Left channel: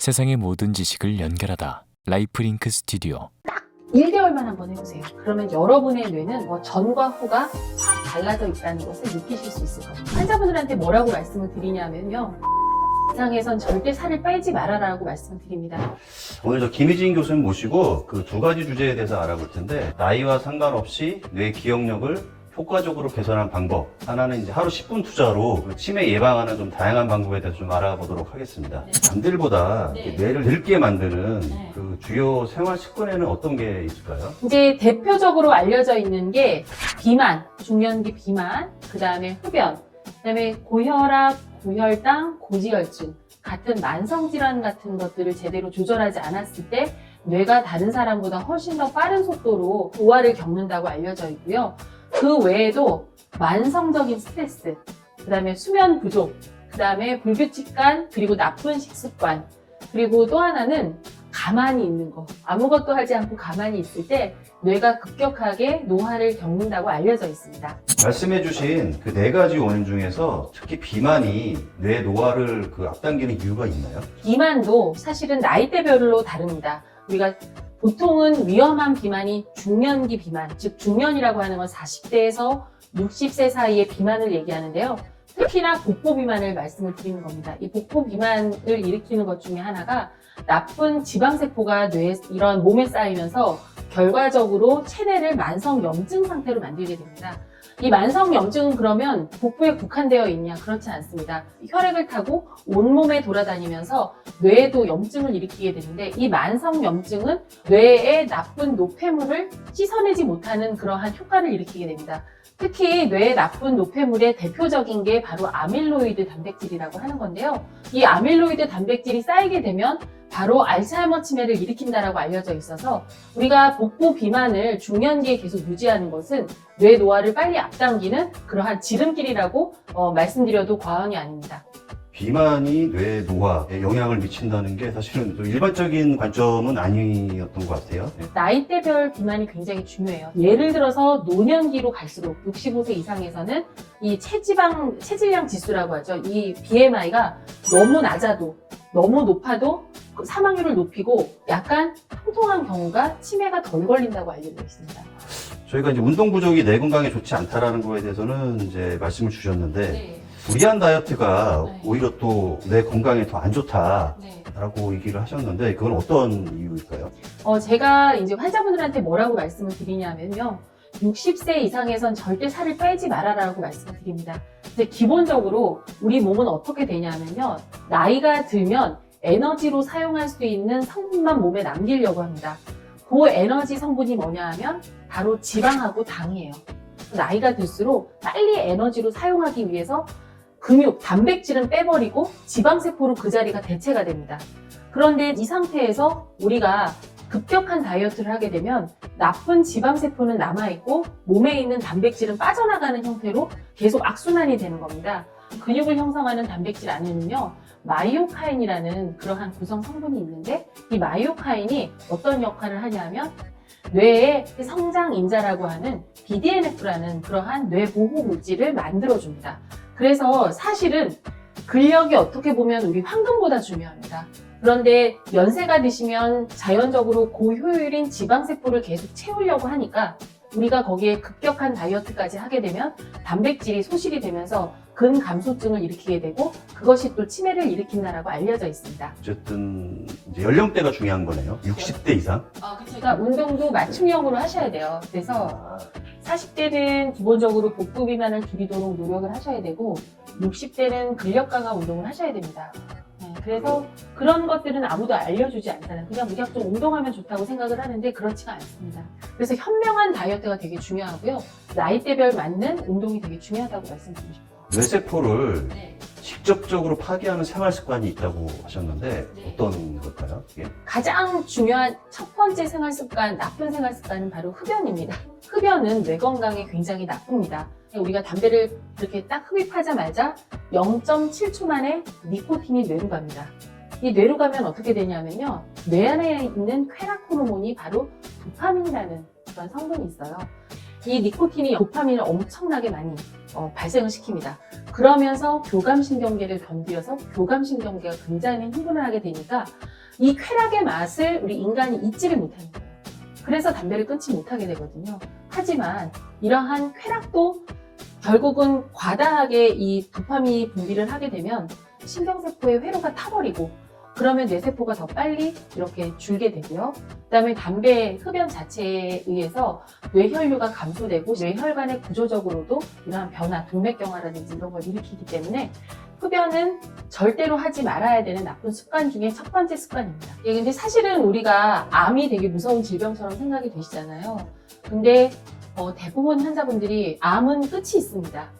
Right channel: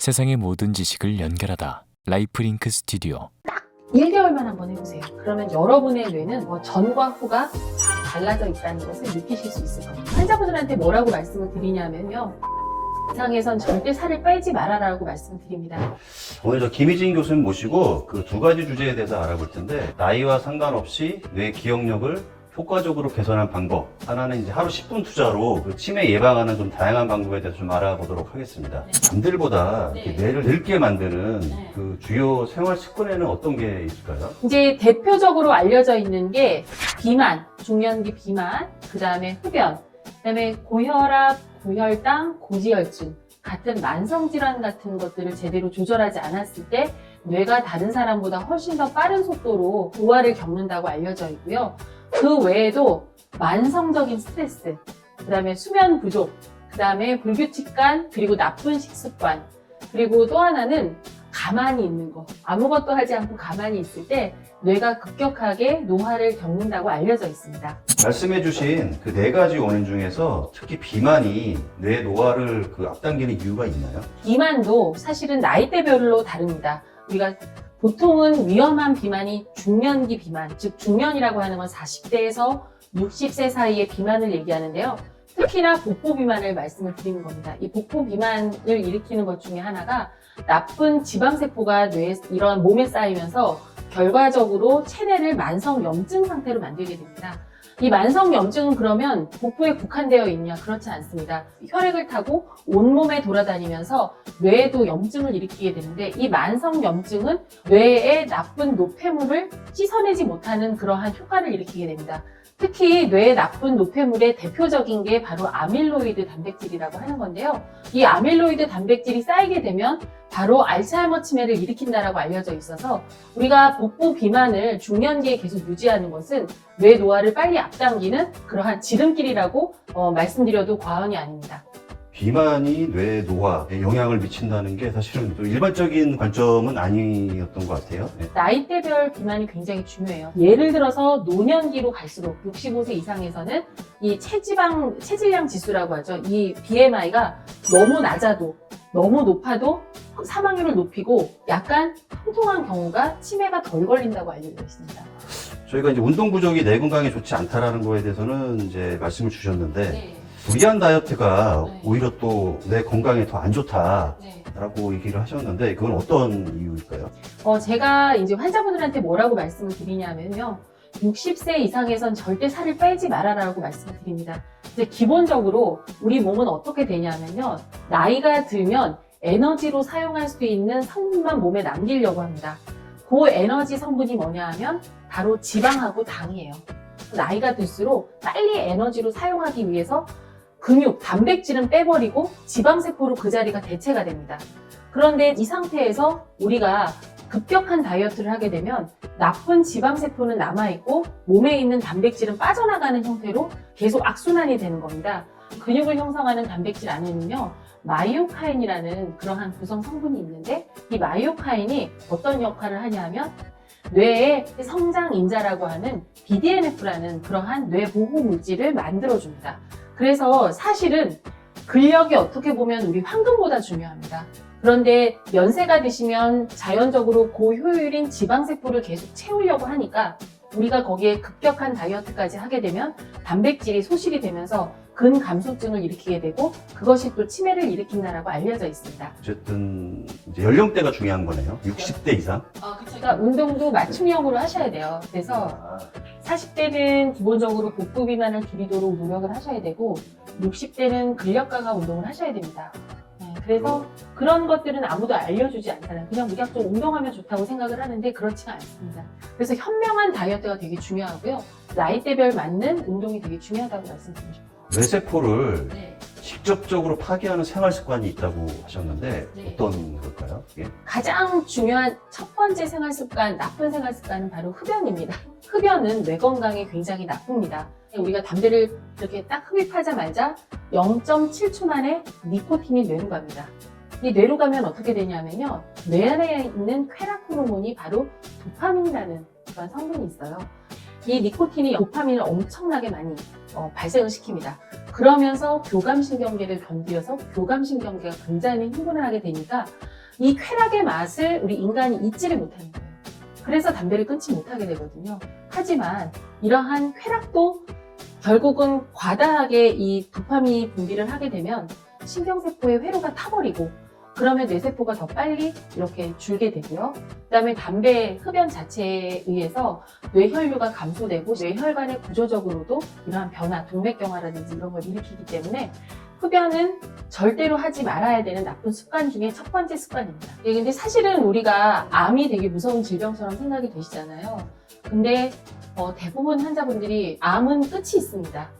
세상의 모든 지식을 연결하다. 라이프링크 스튜디오. 1개월만 한번 해보세요. 그러면 여러분의 뇌는 전과 후가 확 달라져 있다는 것을 느끼실 수 있을 겁니다. 환자분들한테 뭐라고 말씀을 드리냐면요. 이상에선 절대 살을 빼지 말아라고 말씀을 드립니다. 오늘 저 김희진 교수님 모시고 그 두 가지 주제에 대해서 알아볼 텐데, 나이와 상관없이 뇌 기억력을 효과적으로 개선하는 방법. 하나는 이제 하루 10분 투자로 그 치매 예방하는 좀 다양한 방법에 대해서 좀 알아보도록 하겠습니다. 네. 남들보다 네. 이렇게 뇌를 늙게 만드는 네. 그 주요 생활 습관에는 어떤 게 있을까요? 이제 대표적으로 알려져 있는 게 비만, 중년기 비만, 그 다음에 흡연, 그 다음에 고혈압, 고혈당, 고지혈증 같은 만성질환 같은 것들을 제대로 조절하지 않았을 때 뇌가 다른 사람보다 훨씬 더 빠른 속도로 노화를 겪는다고 알려져 있고요. 그 외에도 만성적인 스트레스, 그 다음에 수면 부족, 그 다음에 불규칙한 그리고 나쁜 식습관, 그리고 또 하나는 가만히 있는 거. 아무것도 하지 않고 가만히 있을 때 뇌가 급격하게 노화를 겪는다고 알려져 있습니다. 말씀해주신 그 네 가지 원인 중에서 특히 비만이 뇌 노화를 앞당기는 이유가 있나요? 비만도 사실은 나이대별로 다릅니다. 우리가 보통은 위험한 비만이 중년기 비만, 즉 중년이라고 하는 건 40대에서 60세 사이의 비만을 얘기하는데요. 특히나 복부 비만을 말씀을 드리는 겁니다. 이 복부 비만을 일으키는 것 중에 하나가 나쁜 지방세포가 뇌에 이러한 몸에 쌓이면서 결과적으로 체내를 만성염증 상태로 만들게 됩니다. 이 만성염증은 그러면 복부에 국한되어 있냐? 그렇지 않습니다. 혈액을 타고 온몸에 돌아다니면서 뇌에도 염증을 일으키게 되는데, 이 만성염증은 뇌의 나쁜 노폐물을 씻어내지 못하는 그러한 효과를 일으키게 됩니다. 특히 뇌의 나쁜 노폐물의 대표적인 게 바로 아밀로이드 단백질이라고 하는 건데요. 이 아밀로이드 단백질이 쌓이게 되면 바로 알츠하이머 치매를 일으킨다라고 알려져 있어서 우리가 복부 비만을 중년기에 계속 유지하는 것은 뇌 노화를 빨리 앞당기는 그러한 지름길이라고 말씀드려도 과언이 아닙니다. 비만이 뇌 노화에 영향을 미친다는 게 사실은 좀 일반적인 관점은 아니었던 것 같아요. 네. 나이대별 비만이 굉장히 중요해요. 예를 들어서 노년기로 갈수록 65세 이상에서는 이 체질량 지수라고 하죠. 이 BMI가 너무 낮아도 너무 높아도 사망률을 높이고 약간 통통한 경우가 치매가 덜 걸린다고 알려져 있습니다. 저희가 이제 운동 부족이 뇌 건강에 좋지 않다라는 거에 대해서는 이제 말씀을 주셨는데, 네. 무리한 다이어트가 네. 오히려 또 뇌 건강에 더 안 좋다라고 네. 얘기를 하셨는데, 그건 어떤 이유일까요? 제가 이제 환자분들한테 뭐라고 말씀을 드리냐면요. 60세 이상에선 절대 살을 빼지 말아라고 말씀을 드립니다. 이제 기본적으로 우리 몸은 어떻게 되냐면요. 나이가 들면 에너지로 사용할 수 있는 성분만 몸에 남기려고 합니다. 그 에너지 성분이 뭐냐 하면 바로 지방하고 당이에요. 나이가 들수록 빨리 에너지로 사용하기 위해서 근육, 단백질은 빼버리고 지방세포로 그 자리가 대체가 됩니다. 그런데 이 상태에서 우리가 급격한 다이어트를 하게 되면 나쁜 지방세포는 남아있고 몸에 있는 단백질은 빠져나가는 형태로 계속 악순환이 되는 겁니다. 근육을 형성하는 단백질 안에는요, 마이오카인이라는 그러한 구성 성분이 있는데, 이 마이오카인이 어떤 역할을 하냐면 뇌의 성장인자라고 하는 BDNF라는 그러한 뇌 보호 물질을 만들어줍니다. 그래서 사실은 근력이 어떻게 보면 우리 황금보다 중요합니다. 그런데 연세가 드시면 자연적으로 고효율인 지방세포를 계속 채우려고 하니까 우리가 거기에 급격한 다이어트까지 하게 되면 단백질이 소실이 되면서 근감소증을 일으키게 되고 그것이 또 치매를 일으킨다라고 알려져 있습니다. 어쨌든 이제 연령대가 중요한 거네요. 60대 이상. 그러니까 운동도 맞춤형으로 하셔야 돼요. 그래서 40대는 기본적으로 복부 비만을 줄이도록 노력을 하셔야 되고 60대는 근력 강화 운동을 하셔야 됩니다. 그래서 그런 것들은 아무도 알려주지 않잖아요. 그냥 무작정 운동하면 좋다고 생각을 하는데 그렇지가 않습니다. 그래서 현명한 다이어트가 되게 중요하고요. 나이대별 맞는 운동이 되게 중요하다고 말씀드리고 싶어요. 뇌세포를 네. 직접적으로 파괴하는 생활 습관이 있다고 하셨는데, 네. 어떤 걸까요? 이게? 가장 중요한 첫 번째 생활 습관, 나쁜 생활 습관은 바로 흡연입니다. 흡연은 뇌 건강에 굉장히 나쁩니다. 우리가 담배를 이렇게 딱 흡입하자마자 0.7초 만에 니코틴이 뇌로 갑니다. 이 뇌로 가면 어떻게 되냐면요. 뇌 안에 있는 쾌락 호르몬이 바로 도파민이라는 그런 성분이 있어요. 이 니코틴이 도파민을 엄청나게 많이 발생을 시킵니다. 그러면서 교감신경계를 건드려서 교감신경계가 굉장히 흥분을 하게 되니까 이 쾌락의 맛을 우리 인간이 잊지를 못하는 거예요. 그래서 담배를 끊지 못하게 되거든요. 하지만 이러한 쾌락도 결국은 과다하게 이 도파민 분비를 하게 되면 신경세포의 회로가 타버리고 그러면 뇌세포가 더 빨리 이렇게 줄게 되고요. 그다음에 담배 흡연 자체에 의해서 뇌혈류가 감소되고 뇌혈관의 구조적으로도 이러한 변화, 동맥경화라든지 이런 걸 일으키기 때문에 흡연은 절대로 하지 말아야 되는 나쁜 습관 중에 첫 번째 습관입니다. 근데 사실은 우리가 암이 되게 무서운 질병처럼 생각이 되시잖아요. 근데 대부분 환자분들이 암은 끝이 있습니다.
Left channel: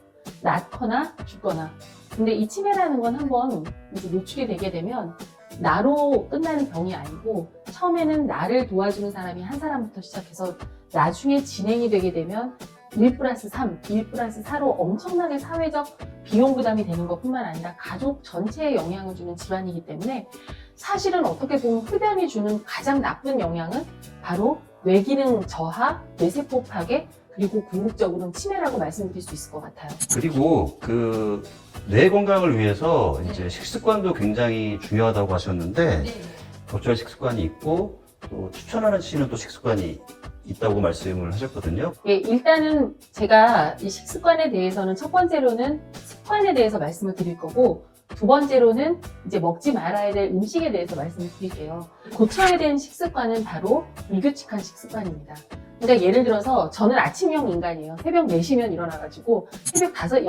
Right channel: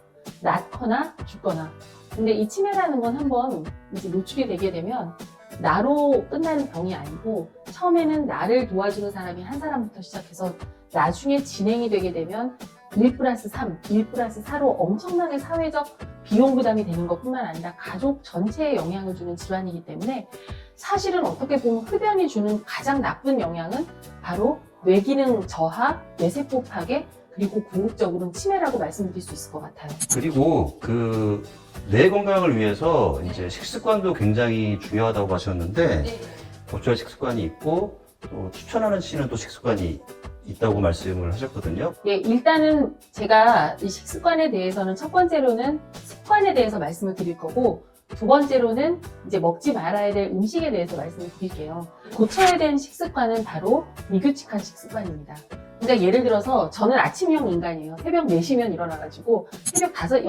낫거나 죽거나. 근데 이 치매라는 건 한번 이제 노출이 되게 되면 나로 끝나는 병이 아니고 처음에는 나를 도와주는 사람이 한 사람부터 시작해서 나중에 진행이 되게 되면 1+3, 1+4로 엄청나게 사회적 비용 부담이 되는 것뿐만 아니라 가족 전체에 영향을 주는 질환이기 때문에 사실은 어떻게 보면 흡연이 주는 가장 나쁜 영향은 바로 뇌기능 저하, 뇌세포 파괴, 그리고 궁극적으로는 치매라고 말씀드릴 수 있을 것 같아요. 그리고 그 뇌 건강을 위해서 이제 식습관도 굉장히 중요하다고 하셨는데 적절한 식습관이 있고 또 추천하시는 또 식습관이 있다고 말씀을 하셨거든요. 예, 일단은 제가 이 식습관에 대해서는 첫 번째로는 습관에 대해서 말씀을 드릴 거고 두 번째로는 이제 먹지 말아야 될 음식에 대해서 말씀을 드릴게요. 고쳐야 되는 식습관은 바로 미규칙한 식습관입니다. 그러니까 예를 들어서 저는 아침형 인간이에요. 새벽 4시면 일어나가지고 새벽 5시,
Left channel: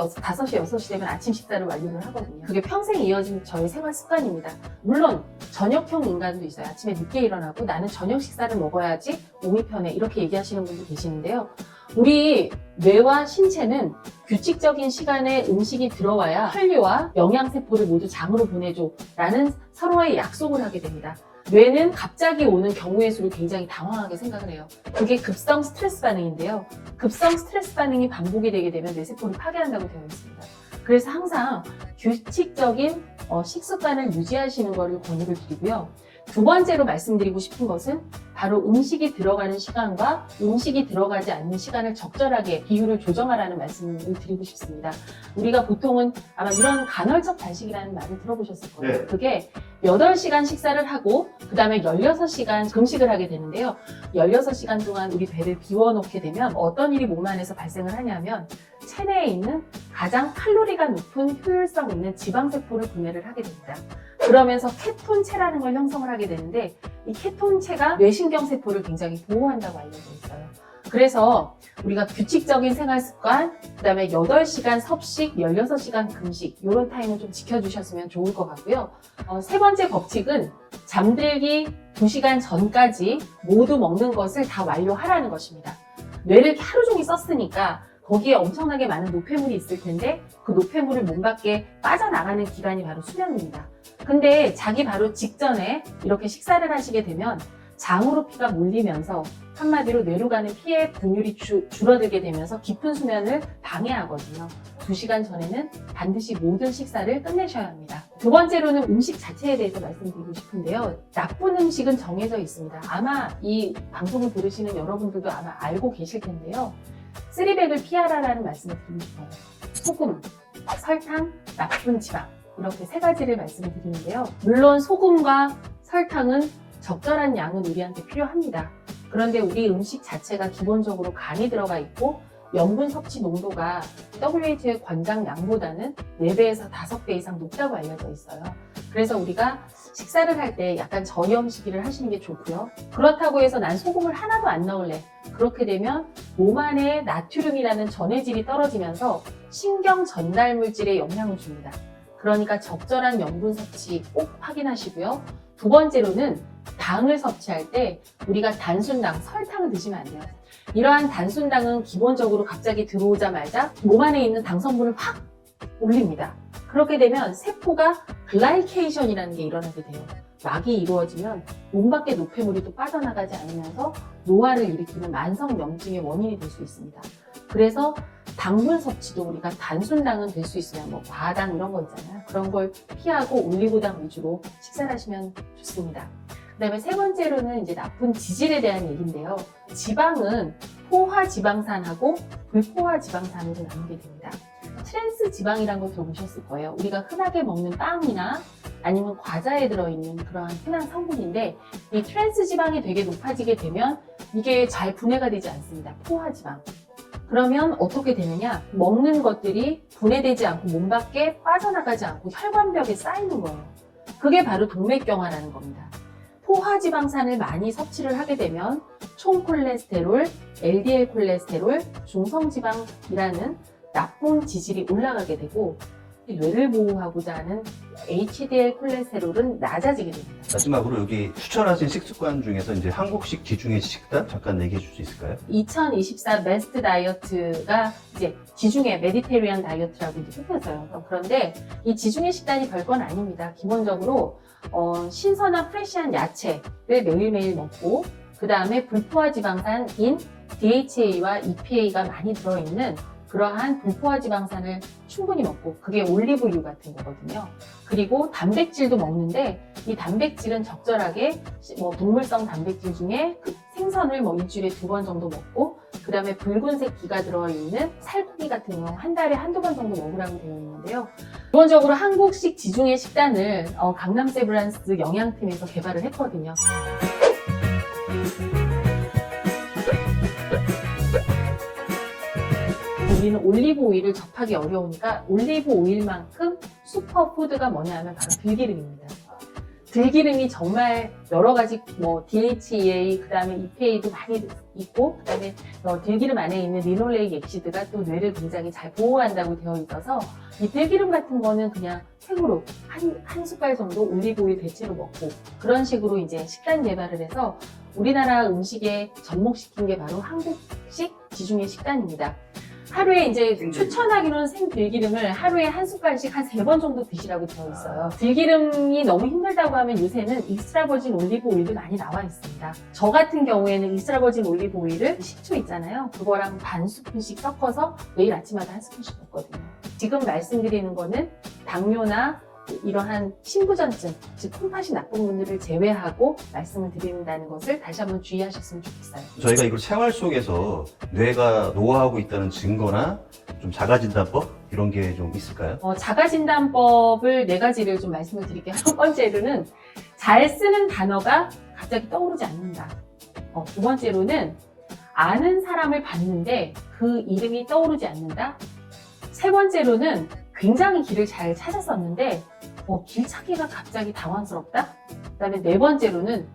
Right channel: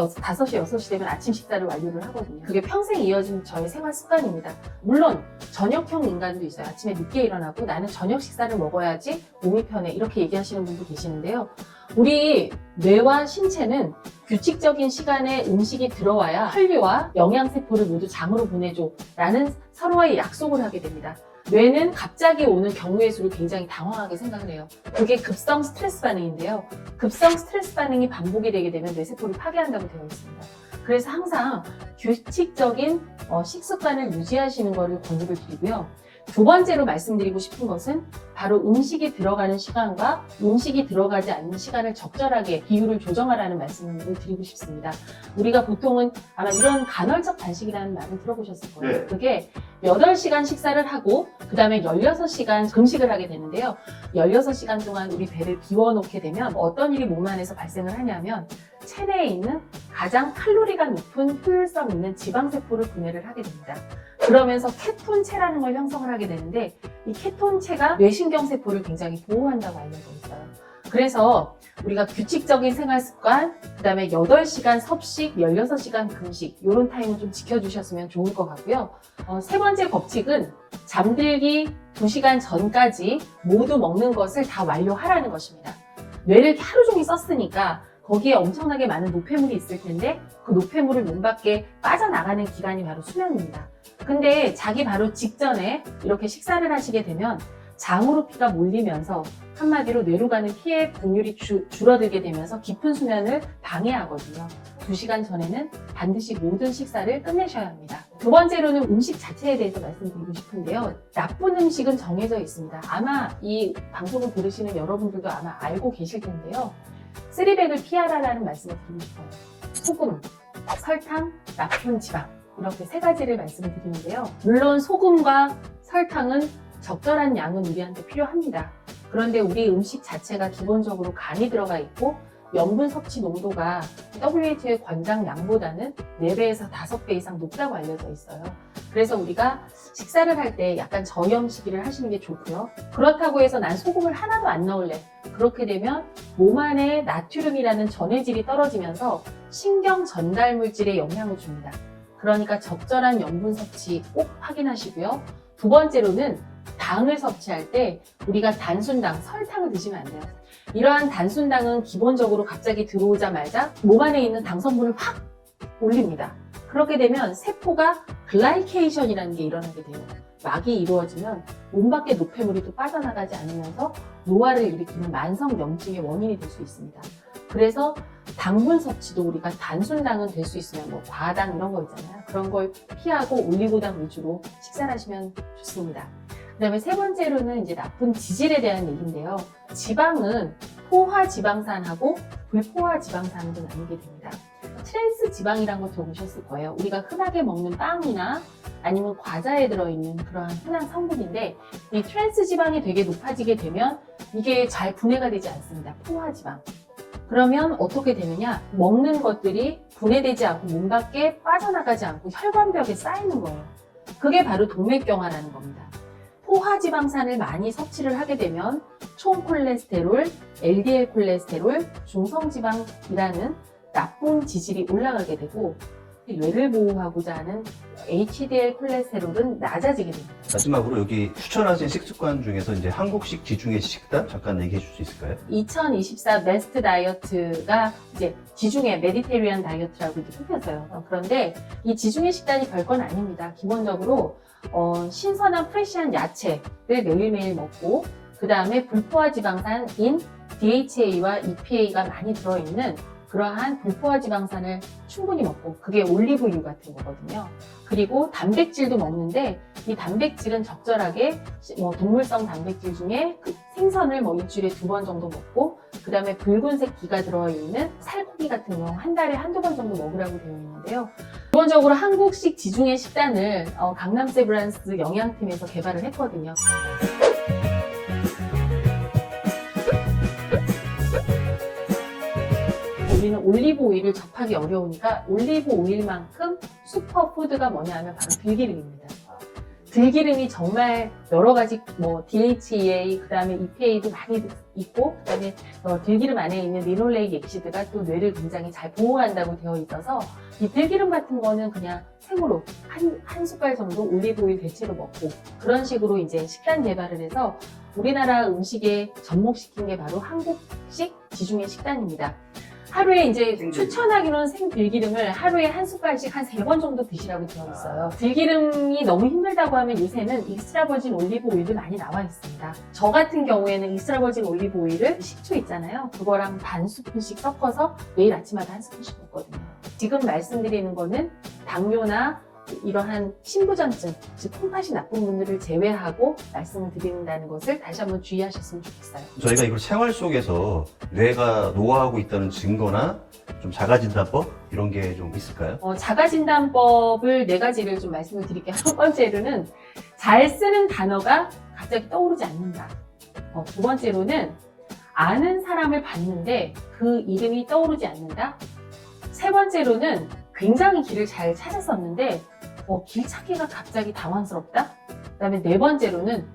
6시 되면 아침 식사를 완료를 하거든요. 그게 평생 이어진 저의 생활 습관입니다. 물론 저녁형 인간도 있어요. 아침에 늦게 일어나고 나는 저녁 식사를 먹어야지 몸이 편해 이렇게 얘기하시는 분도 계시는데요. 우리 뇌와 신체는 규칙적인 시간에 음식이 들어와야 혈류와 영양세포를 모두 장으로 보내줘 라는 서로의 약속을 하게 됩니다. 뇌는 갑자기 오는 경우의 수를 굉장히 당황하게 생각을 해요. 그게 급성 스트레스 반응인데요. 급성 스트레스 반응이 반복이 되게 되면 뇌세포를 파괴한다고 되어 있습니다. 그래서 항상 규칙적인 식습관을 유지하시는 것을 권유를 드리고요. 두 번째로 말씀드리고 싶은 것은 바로 음식이 들어가는 시간과 음식이 들어가지 않는 시간을 적절하게 비율을 조정하라는 말씀을 드리고 싶습니다. 우리가 보통은 아마 이런 간헐적 단식이라는 말을 들어보셨을 거예요. 네. 그게 8시간 식사를 하고 그 다음에 16시간 금식을 하게 되는데요. 16시간 동안 우리 배를 비워놓게 되면 어떤 일이 몸 안에서 발생을 하냐면 체내에 있는 가장 칼로리가 높은 효율성 있는 지방세포를 분해를 하게 됩니다. 그러면서 케톤체라는 걸 형성을 하게 되는데 이 케톤체가 뇌신경세포를 굉장히 보호한다고 알려져 있어요. 그래서 우리가 규칙적인 생활습관, 그 다음에 8시간 섭식, 16시간 금식 이런 타임을 좀 지켜주셨으면 좋을 것 같고요. 세 번째 법칙은 잠들기 2시간 전까지 모두 먹는 것을 다 완료하라는 것입니다. 뇌를 하루 종일 썼으니까 거기에 엄청나게 많은 노폐물이 있을 텐데 그 노폐물을 몸 밖에 빠져나가는 기간이 바로 수면입니다. 근데 자기 바로 직전에 이렇게 식사를 하시게 되면 장으로 피가 몰리면서 한마디로 뇌로 가는 피의 분율이 줄어들게 되면서 깊은 수면을 방해하거든요. 2시간 전에는 반드시 모든 식사를 끝내셔야 합니다. 두 번째로는 음식 자체에 대해서 말씀드리고 싶은데요. 나쁜 음식은 정해져 있습니다. 아마 이 방송을 들으시는 여러분들도 아마 알고 계실 텐데요. 쓰리백을 피하라라는 말씀을 드리고 싶어요. 소금, 설탕, 나쁜 지방 이렇게 세 가지를 말씀을 드리는데요. 물론 소금과 설탕은 적절한 양은 우리한테 필요합니다. 그런데 우리 음식 자체가 기본적으로 간이 들어가 있고 염분 섭취 농도가 WHO의 권장량보다는 4배에서 5배 이상 높다고 알려져 있어요. 그래서 우리가 식사를 할 때 약간 저염 시기를 하시는 게 좋고요. 그렇다고 해서 난 소금을 하나도 안 넣을래. 그렇게 되면 몸 안에 나트륨이라는 전해질이 떨어지면서 신경 전달 물질에 영향을 줍니다. 그러니까 적절한 염분 섭취 꼭 확인하시고요. 두 번째로는 당을 섭취할 때 우리가 단순당, 설탕을 드시면 안 돼요. 이러한 단순당은 기본적으로 갑자기 들어오자마자 몸 안에 있는 당 성분을 확 올립니다. 그렇게 되면 세포가 글라이케이션이라는 게 일어나게 돼요. 막이 이루어지면 몸 밖에 노폐물이 또 빠져나가지 않으면서 노화를 일으키는 만성 염증의 원인이 될 수 있습니다. 그래서 당분 섭취도 우리가 단순당은 될 수 있으면 뭐 과당 이런 거 있잖아요. 그런 걸 피하고 올리고당 위주로 식사를 하시면 좋습니다. 그 다음에 세 번째로는 이제 나쁜 지질에 대한 얘기인데요. 지방은 포화 지방산하고 불포화 지방산으로 나누게 됩니다. 트랜스 지방이라는 거 들어보셨을 거예요. 우리가 흔하게 먹는 빵이나 아니면 과자에 들어있는 그러한 흔한 성분인데 이 트랜스 지방이 되게 높아지게 되면 이게 잘 분해가 되지 않습니다. 포화 지방. 그러면 어떻게 되느냐? 먹는 것들이 분해되지 않고 몸 밖에 빠져나가지 않고 혈관벽에 쌓이는 거예요. 그게 바로 동맥경화라는 겁니다. 포화지방산을 많이 섭취를 하게 되면 총콜레스테롤, LDL 콜레스테롤, 중성지방이라는 나쁜 지질이 올라가게 되고 뇌를 보호하고자 하는 HDL 콜레스테롤은 낮아지게 됩니다. 마지막으로 여기 추천하신 식습관 중에서 이제 한국식 지중해 식단 잠깐 얘기해 줄 수 있을까요? 2024 베스트 다이어트가 이제 지중해 메디테리안 다이어트라고 이제 뽑혔어요. 그런데 이 지중해 식단이 별건 아닙니다. 기본적으로 신선한 프레시한 야채를 매일매일 먹고 그 다음에 불포화 지방산인 DHA와 EPA가 많이 들어있는 그러한 불포화 지방산을 충분히 먹고 그게 올리브유 같은 거거든요. 그리고 단백질도 먹는데 이 단백질은 적절하게 동물성 단백질 중에 그 생선을 일주일에 2번 정도 먹고 그 다음에 붉은색 기가 들어있는 살코기 같은 경우 한 달에 한두 번 정도 먹으라고 되어 있는데요. 기본적으로 한국식 지중해 식단을 강남 세브란스 영양팀에서 개발을 했거든요. 우리는 올리브 오일을 접하기 어려우니까 올리브 오일만큼 슈퍼푸드가 뭐냐 하면 바로 들기름입니다. 들기름이 정말 여러 가지 DHA, 그 다음에 EPA도 많이 있고, 그 다음에 들기름 안에 있는 리놀레익 엑시드가 또 뇌를 굉장히 잘 보호한다고 되어 있어서 이 들기름 같은 거는 그냥 생으로 한 숟갈 정도 올리브 오일 대체로 먹고 그런 식으로 이제 식단 개발을 해서 우리나라 음식에 접목시킨 게 바로 한국식 지중해 식단입니다. 하루에 이제 추천하기로는 생들기름을 하루에 한 숟갈씩 한 3번 정도 드시라고 되어 있어요. 들기름이 너무 힘들다고 하면 요새는 익스트라버진 올리브 오일도 많이 나와 있습니다. 저 같은 경우에는 익스트라버진 올리브 오일을 식초 있잖아요. 그거랑 반 스푼씩 섞어서 매일 아침마다 한 스푼씩 먹거든요. 지금 말씀드리는 거는 당뇨나 이러한 신부전증, 즉 콩팥이 나쁜 분들을 제외하고 말씀을 드린다는 것을 다시 한번 주의하셨으면 좋겠어요. 저희가 이걸 생활 속에서 뇌가 노화하고 있다는 증거나 좀 자가진단법 이런 게 좀 있을까요? 자가진단법을 4가지를 좀 말씀을 드릴게요. 첫 번째로는 잘 쓰는 단어가 갑자기 떠오르지 않는다. 두 번째로는 아는 사람을 봤는데 그 이름이 떠오르지 않는다. 세 번째로는 굉장히 길을 잘 찾았었는데 길 찾기가 갑자기 당황스럽다. 그 다음에 4번째로는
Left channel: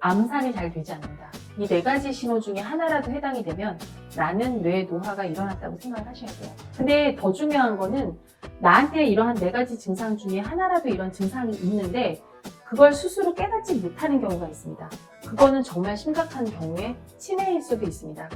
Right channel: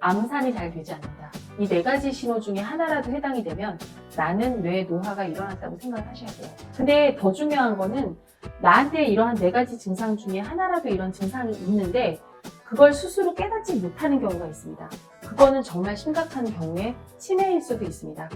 암산이 잘 되지 않는다. 이 4가지 신호 중에 하나라도 해당이 되면 나는 뇌 노화가 일어났다고 생각을 하셔야 돼요. 근데 더 중요한 거는 나한테 이러한 4가지 증상 중에 하나라도 이런 증상이 있는데 그걸 스스로 깨닫지 못하는 경우가 있습니다. 그거는 정말 심각한 경우에 치매일 수도 있습니다.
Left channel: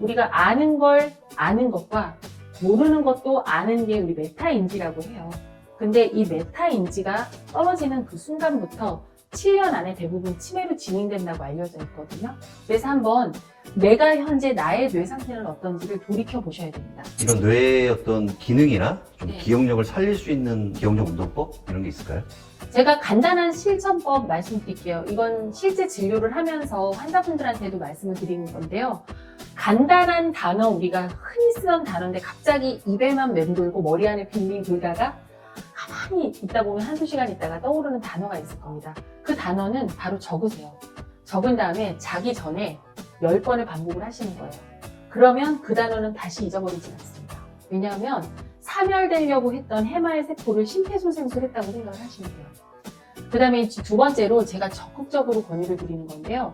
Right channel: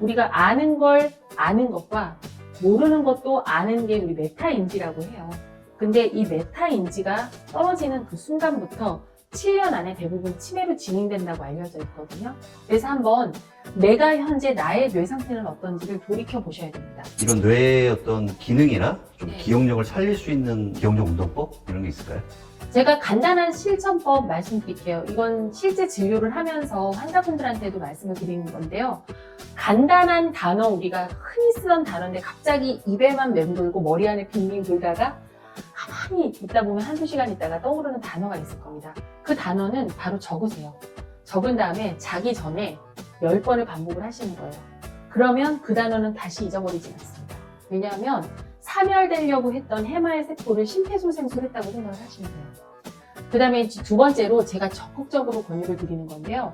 우리가 아는 걸 아는 것과 모르는 것도 아는 게 우리 메타인지라고 해요. 근데 이 메타인지가 떨어지는 그 순간부터 7년 안에 대부분 치매로 진행된다고 알려져 있거든요. 그래서 한번 내가 현재 나의 뇌 상태는 어떤지를 돌이켜 보셔야 됩니다. 이런 뇌의 어떤 기능이나 좀 기억력을 살릴 수 있는 기억력 운동법 이런 게 있을까요? 제가 간단한 실천법 말씀드릴게요. 이건 실제 진료를 하면서 환자분들한테도 말씀을 드리는 건데요. 간단한 단어, 우리가 흔히 쓰던 단어인데 갑자기 입에만 맴돌고 머리 안에 빙빙 돌다가 가만히 있다 보면 한두 시간 있다가 떠오르는 단어가 있을 겁니다. 그 단어는 바로 적으세요. 적은 다음에 자기 전에 10번을 반복을 하시는 거예요. 그러면 그 단어는 다시 잊어버리지 않습니다. 왜냐하면 사멸되려고 했던 해마의 세포를 심폐소생술했다고 생각을 하시면 돼요. 그 다음에 2번째로 제가 적극적으로 권유를 드리는 건데요.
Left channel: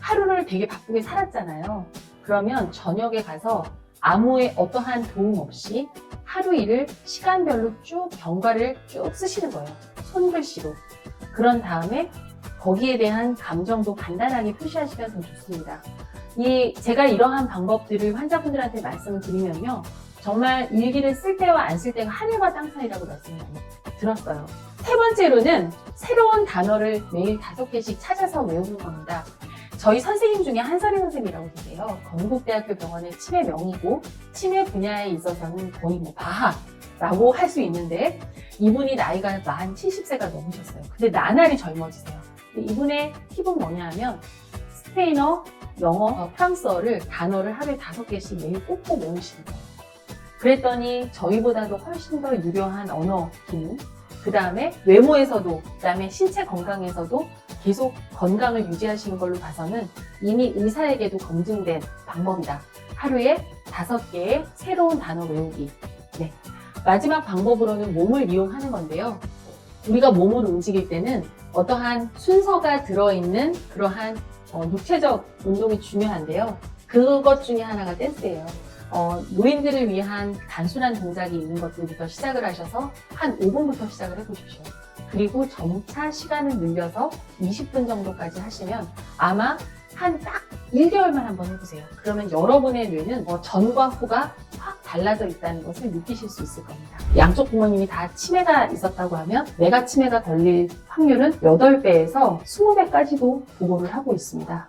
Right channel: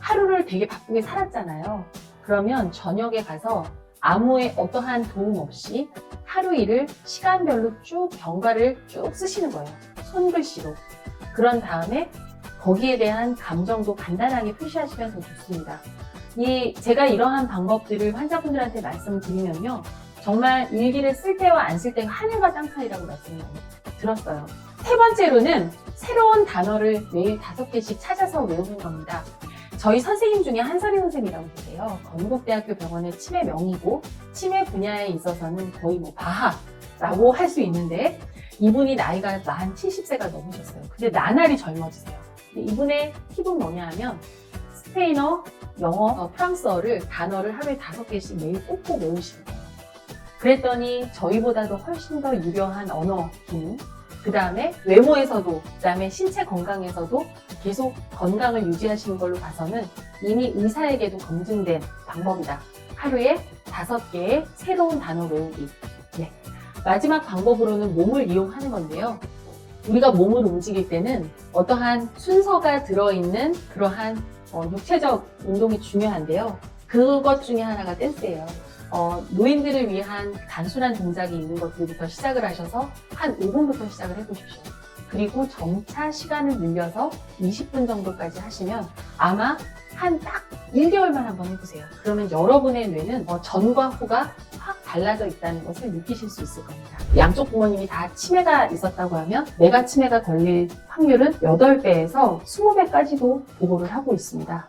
하루를 되게 바쁘게 살았잖아요. 그러면 저녁에 가서 아무의 어떠한 도움 없이 하루 일을 시간별로 쭉 경과를 쭉 쓰시는 거예요. 손글씨로. 그런 다음에 거기에 대한 감정도 간단하게 표시하시면 더 좋습니다. 제가 이러한 방법들을 환자분들한테 말씀을 드리면요. 정말 일기를 쓸 때와 안 쓸 때가 하늘과 땅 차이라고 말씀을 들었어요. 3번째로는 새로운 단어를 매일 5개씩 찾아서 외우는 겁니다. 저희 선생님 중에 한설이 선생님이라고 계세요. 건국대학교 병원의 치매 명의고 치매 분야에 있어서는 거의 바하라고 할 수 있는데 이분이 나이가 만 70세가 넘으셨어요. 근데 나날이 젊어지세요. 이분의 팁은 뭐냐 하면 스페인어, 영어, 프랑스어를 단어를 하루에 5개씩 매일 꼭꼭 외우시는 거예요. 그랬더니 저희보다도 훨씬 더 유려한 언어 기능, 그 다음에 외모에서도, 그 다음에 신체 건강에서도 계속 건강을 유지하시는 걸로 봐서는 이미 의사에게도 검증된 방법이다. 하루에 5개의 새로운 단어 외우기. 네. 마지막 방법으로는 몸을 이용하는 건데요. 우리가 몸을 움직일 때는 어떠한 순서가 들어있는 그러한 육체적 운동이 중요한데요. 그것 중에 하나가 댄스예요. 노인들을 위한 단순한 동작이 있는 것들부터 시작을 하셔서 한 5분부터 시작을 해보십시오. 그리고 점차 시간을 늘려서 20분 정도까지 하시면 아마 한 딱 1개월만 한번 해보세요. 그러면 여러분의 뇌는 전과 후가 확 달라져 있다는 것을 느끼실 수 있을 겁니다. 양쪽 부모님이 다 치매가 있었다고 하면 뇌가 치매가 걸릴 확률은 8배에서 20배까지도 보고를 하고 있습니다.